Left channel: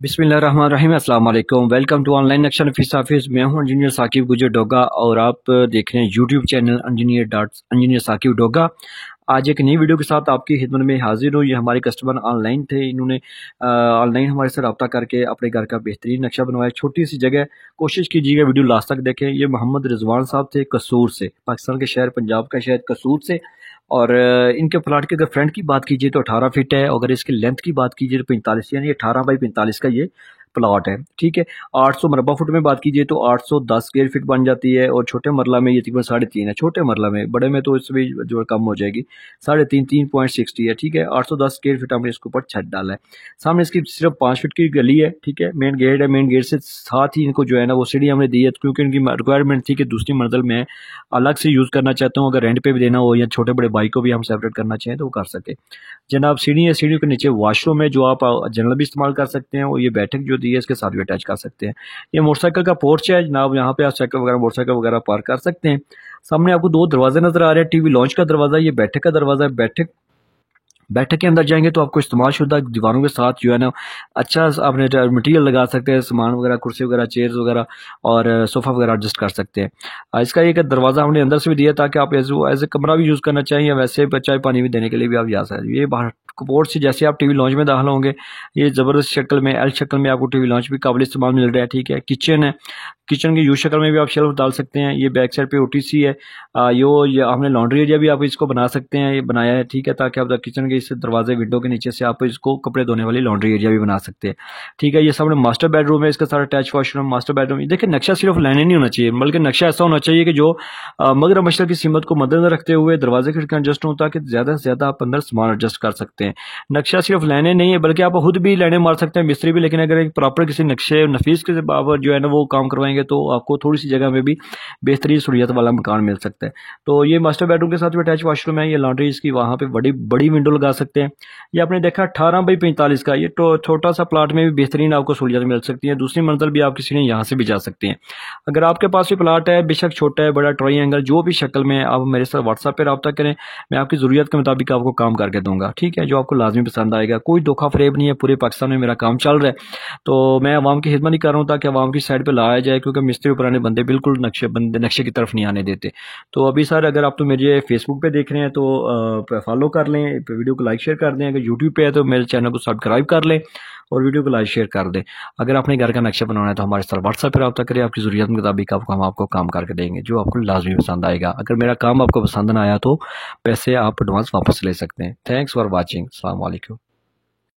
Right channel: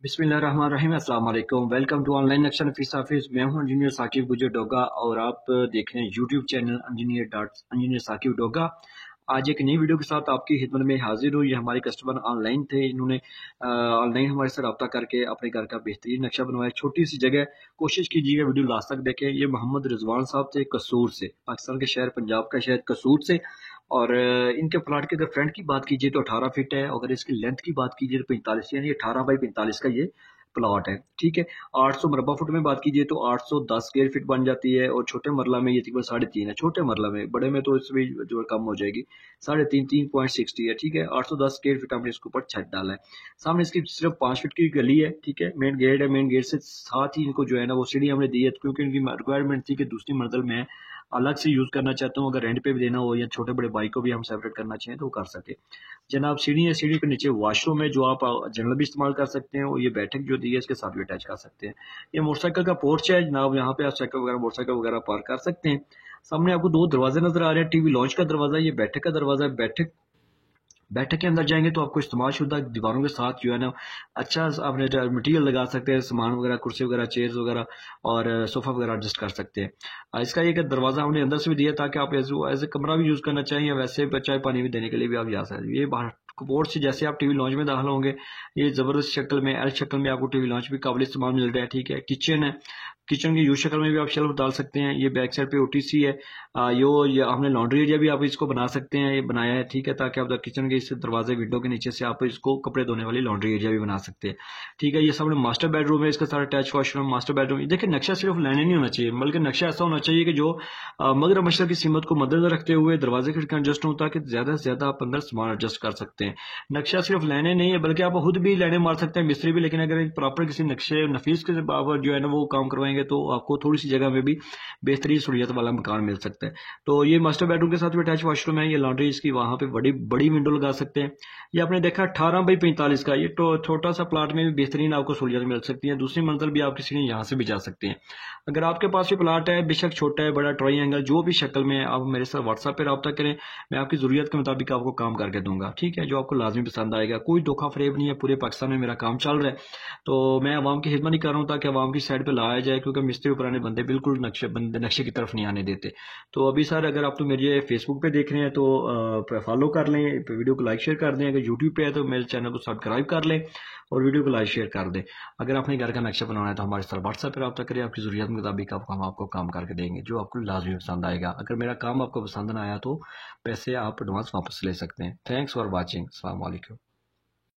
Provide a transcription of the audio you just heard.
बिस्मिल्लाहिर्रहमानिर्रहीम अस्सलाम वालेकुम। वेलकम टू ऑनलाइन नक्शा नफीस ऑफिस। मैं हूं इंजीनियर साकिब गुजर डोगा और आप देख रहे हैं YouTube channel engineer Saqib Doga. आज एक नई वीडियो के साथ आपकी खिदमत में हाजिर हूँ। ये हमारे कस्टमर ऑनलाइन थे, इन्होंने ऑनलाइन हमारे से रब्ता करके अपने घर का बेहतरीन नक्शा बनवाया। छोटी सी जगह, कोशिश कीजिएगा वीडियो लास्ट तक देखें। ये मोहम्मद रिजवान साहब थे कसूर से, पाकिस्तान के शहर पंजाब का शहर कसूर से। और इनके प्लाट की अगर फ्रंट की बात कीजिए तो 18 फीट है। अगर इसकी लेंथ की बात कीजिए तो 45, यानी 18 बाई 45 का ये प्लॉट है। ठीक है। 800 मरबा फुट में बात कीजिए तो 810 स्क्वायर फीट बन जाती है। और छोटे मरला में ये तकरीबन 3.5 है। छोटे मरला में, बड़े में तो इसमें जो कम हो जाएगी, 3.5 3.60 है। ठीक है। 810 स्क्वायर फीट हमने इसके ऊपर छत डाला है। सामने इसकी सिर्फ 5 फीट की गली है। ठीक है। मेन गेट है, मेन गेट से साथ ही इनको जो है ना वो सीढ़ी हमने दी है, क्योंकि इनकी रिक्वायरमेंट थी कि दूसरी मंजिल में अलग से यूज़ करना चाहता हूँ। अगर रेंट पे भी देना हो या छोटे बड़े भाई को भी हम सेपरेट करना चाहें तो वो कर सके। जनाब सीढ़ी है, सीढ़ी के नीचे वॉशरूम है जो आप जनरल भी इस्तेमाल कर सकते हैं, और ये बैठक जो दी है इसके साथ भी अटैच कर सकते हैं। ये मोटरसाइकिल का पोर्च है जनाब, यहाँ पे आप साइकिल वगैरह मोटरसाइकिल वगैरह पार्क कर सकते हैं। सामने आपको 2 दरवाजे नजर आ रहे हैं, टीवी लॉन्च का दरवाजा, ये बैठक का दरवाजा है। बैठक बैठक के अंदर जाएंगे तो आपको इस्तेमाल शुदा दीवारों के साथ जो है ना अच्छा आपने मटेरियल लगा सकते हैं, सामान वगैरह, कुर्सी वगैरह, चेयर्स वगैरह और सोफ़ा वगैरह एडजस्ट कर सकते हैं। इसका एक दरवाज़ा हमने अंदर से भी दिया ताकि आप एज ए कमरा भी यूज़ करना चाहिए, या वैसे चाय पानी भी देने के लिए भी आप जा सकते हैं। ये बाहर कपोर्ट से जैसे आप टीवी लॉन्च में दाखिल होंगे, ये ज़बरदस्त शक्ल में एल शक्ल में आपको टीवी लॉन्च भी काबिल इस्तेमाल मिल रहा है। ठीक है। किचन है, किचन की यू शक्ल में भी आप शेल्फ डाल सकते हैं। ये बैक साइड पे ओटीसी है। ये हमने लॉन्ड्री एरिया भी आप इसको बना सकते हैं, ये बनाया है। ठीक है। ताकि आप किचन के इस दरवाजे विंडो के नीचे से आप इसको कपड़े धोने वाली लॉन्ड्री एरिया भी बना सकते हैं। ठीक है। ये सामने मास्टर बेडरूम है, इसका सारा अटैच वॉशरूम, मास्टर बेडरूम। देखिए नक्शा सिर्फ लाइनें नहीं होना चाहिए, बल्कि नक्शा ऐसा होना चाहिए कि जो मगर मशरक की सीमत को मद्देनजर रखते हुए दरवाजे खिड़कियां एडजस्ट हों, ताकि ज़्यादा से ज़्यादा आप अंदर सामान एडजस्ट कर सकते हैं। नक्शा सिर्फ लाइनें नहीं है, बल्कि आप खुद भी लाइनें मार सकते हैं, मिस्त्री भी। लेकिन अगर एक प्रॉपर किसी नक्शे नफीस के आप जो है ना वो काम करवाएंगे तो आपको थोड़ी सी जगह में भी बेहतरीन सहूलियत वाला मकान मिल सकता है। तो ये मास्टर बेडरूम के साथ भी अटैच वॉशरूम है। ये लॉन्ड्री इसकी वहाँ पे बड़ी बड़ी विंडो लगा सकते हैं। ये आपने देखा 18 बाई 45 का, ये तो छोटा सा प्लाट में भी बेहतरीन आपको सहूलियत मिल सकती है। दूसरी मंजिल भी आप किसी ने यहाँ से भी जा सकते हैं। अगर आपके पास भी प्लाट है, बेशक छोटा है, बड़ा, ट्रायंगल, जो भी शक्ल में, आप मेरे साथ व्हाट्सएप पर रब्ता करें, मैं आपकी ज़रूरत के मुताबिक आपको काम करके दूंगा। ठीक है। जो आपको लाजमी पसंद आएगा। कोई धोखा फरेब नहीं है, पूरे पाकिस्तान में मेरा काम चल रहा है। तो मैं आवाम की खिदमत ही कर रहा हूँ ताकि आवाम की साइड पर लाया जाए, क्योंकि मिस्त्री पुराने बंदे बिल्कुल नक्शे की तरफ नहीं आने देते। तो अभी सर अगर आप तो मेरे फेसबुक पे देख रहे हैं तो फॉलो कर लें, वीडियो को लाइक शेयर कर दें। अगर यूट्यूब पे है तो मेरे चैनल को सब्सक्राइब कर लें और वीडियो को लाइक शेयर कर दें। अगर आपने घर का नक्शा बनवाना है तो हमारे साथ व्हाट्सएप पर रब्ता करें, आपकी ज़रूरत के मुताबिक हम आपको काम करके देंगे जो आपको लाजमी पसंद आएगा। अगर मेरा काम आपको पसंद ना आया तो पैसे आप एडवांस वापस ले सकते हैं। Thanks for watching. अस्सलाम वालेकुम।